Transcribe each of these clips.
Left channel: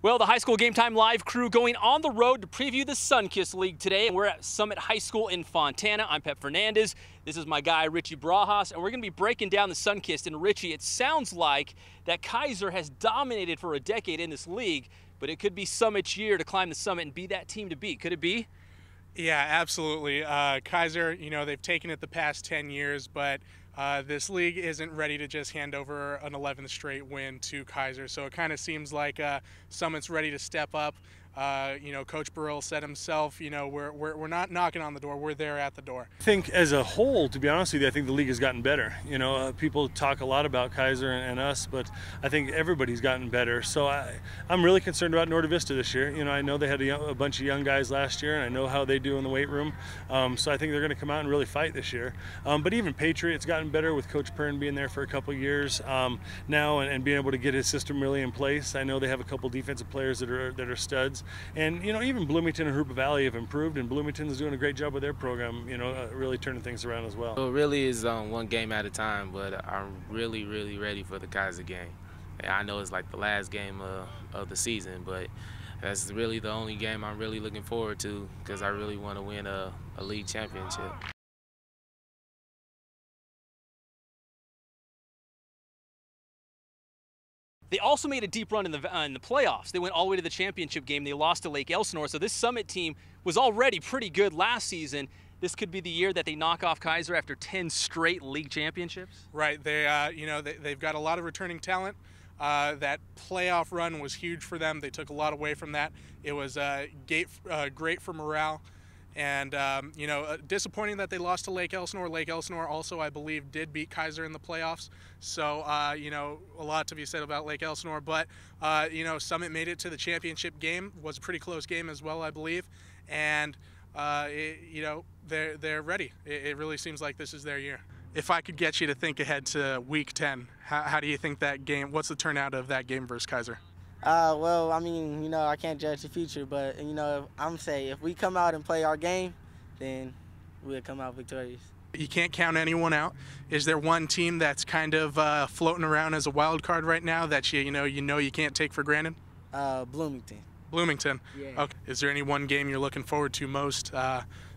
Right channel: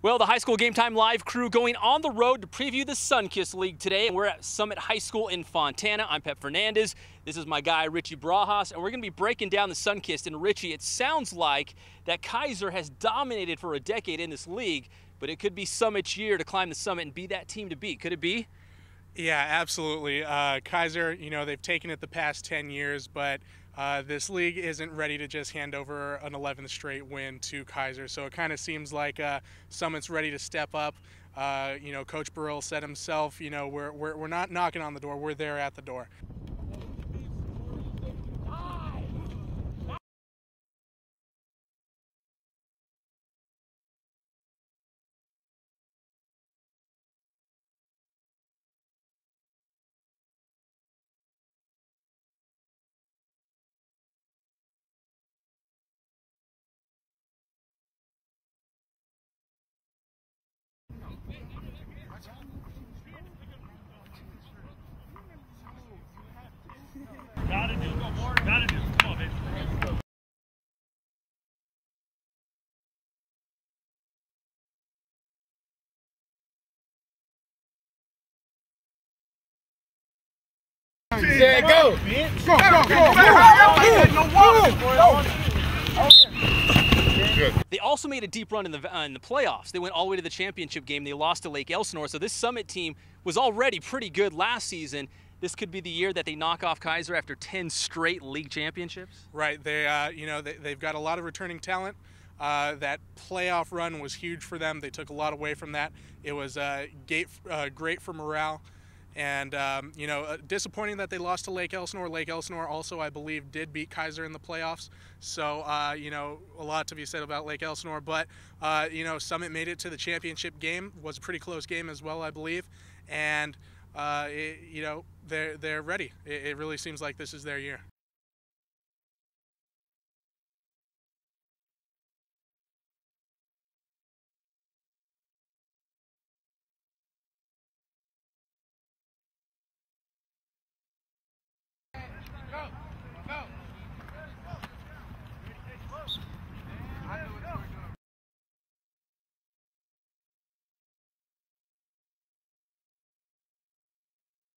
Well, the High School Game Time Live crew going on the road to preview the Sunkist League today. We're at Summit High School in Fontana. I'm Fernandez. This is my guy, Richie Barajas, and we're going to be breaking down the Sunkist. And Richie, it sounds like that Kaiser has dominated for a decade in this league, but it could be Summit's year to climb the summit and be that team to beat. Could it be? Yeah, absolutely. Kaiser, they've taken it the past 10 years, but this league isn't ready to just hand over an 11th straight win to Kaiser. So it kind of seems like Summit's ready to step up. Coach Burrell said himself, we're not knocking on the door, we're there at the door. I think as a whole, to be honest with you, I think the league has gotten better. People talk a lot about Kaiser and us, but I think everybody's gotten better. So I'm really concerned about Norte Vista this year. I know they had a bunch of young guys last year, and I know how they do in the weight room. So I think they're going to come out and really fight this year. But even Patriot's gotten better with Coach Pern being there for a couple of years now and being able to get his system really in place. I know they have a couple defensive players that are studs. And even Bloomington and Hoopa Valley have improved, and Bloomington's doing a great job with their program, really turning things around as well. It really is one game at a time, but I'm really ready for the Kaiser game. I know it's like the last game of the season, but that's really the only game I'm really looking forward to because I really want to win a league championship. Yeah, go! They also made a deep run in the playoffs. They went all the way to the championship game. They lost to Lake Elsinore. So this Summit team was already pretty good last season. This could be the year that they knock off Kaiser after 10 straight league championships. Right. They've got a lot of returning talent. That playoff run was huge for them. They took a lot away from that. It was great for morale. And, disappointing that they lost to Lake Elsinore. Lake Elsinore also, I believe, did beat Kaiser in the playoffs. So, a lot to be said about Lake Elsinore. But, Summit made it to the championship game. It was a pretty close game as well, I believe. And, they're ready. It really seems like this is their year. If I could get you to think ahead to Week 10, how do you think that game, what's the turnout of that game versus Kaiser? Well, I mean, I can't judge the future, but, I'm saying if we come out and play our game, then we'll come out victorious. You can't count anyone out. Is there one team that's kind of floating around as a wild card right now that you can't take for granted? Bloomington. Bloomington? Yeah. Okay. Is there any one game you're looking forward to most?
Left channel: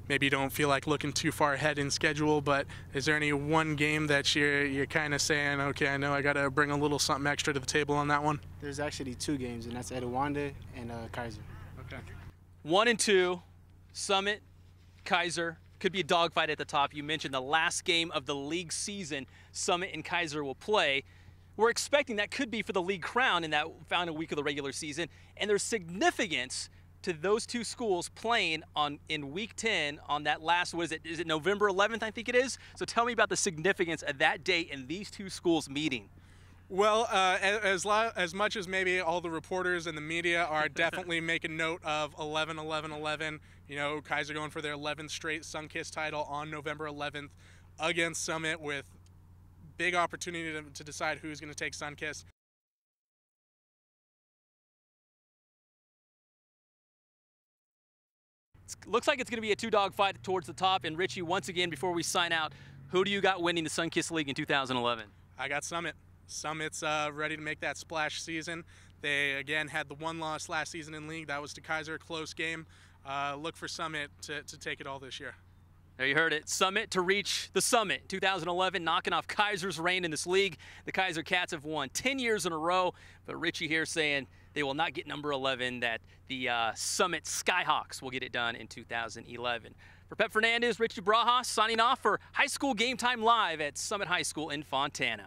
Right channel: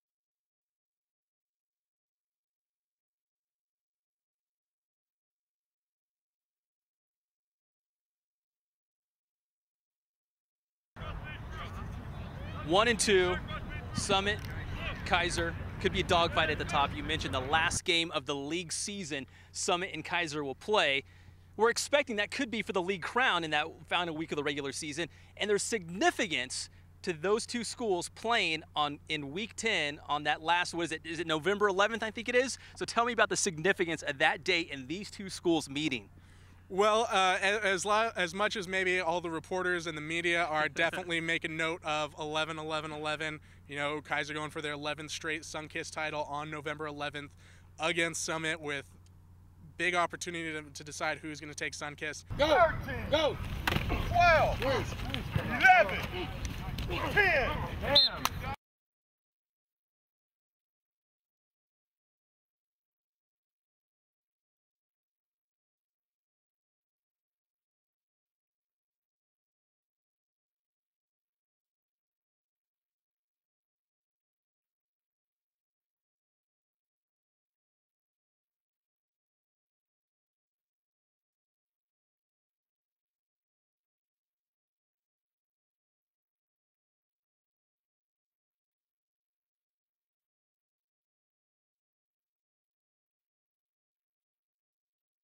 Maybe you don't feel like looking too far ahead in schedule, but is there any one game that you're kind of saying, okay, I know I got to bring a little something extra to the table on that one? There's actually two games, and that's Edewanda and Kaiser. 1 and 2, Summit, Kaiser. Could be a dogfight at the top. You mentioned the last game of the league season Summit and Kaiser will play. We're expecting that could be for the league crown in that final week of the regular season, and there's significance to those two schools playing in Week 10 on that last, what is it? Is it November 11th, I think it is? So tell me about the significance of that date and these two schools meeting. Well, as much as maybe all the reporters and the media are definitely making note of 11-11-11, Kaiser going for their 11th straight Sunkist title on November 11th against Summit with big opportunity to decide who's going to take Sunkist. Go! 13, go! 12, 11, 10. Looks like it's going to be a two-dog fight towards the top. And Richie, once again, before we sign out, who do you got winning the Sunkist League in 2011? I got Summit. Summit's ready to make that splash season. They, again, had the one loss last season in league. That was to Kaiser, close game. Look for Summit to take it all this year. There you heard it. Summit to reach the summit. 2011, knocking off Kaiser's reign in this league. The Kaiser Cats have won 10 years in a row, but Richie here saying they will not get number 11, that the Summit Skyhawks will get it done in 2011. For Fernandez, Richie Barajas signing off for High School Game Time Live at Summit High School in Fontana.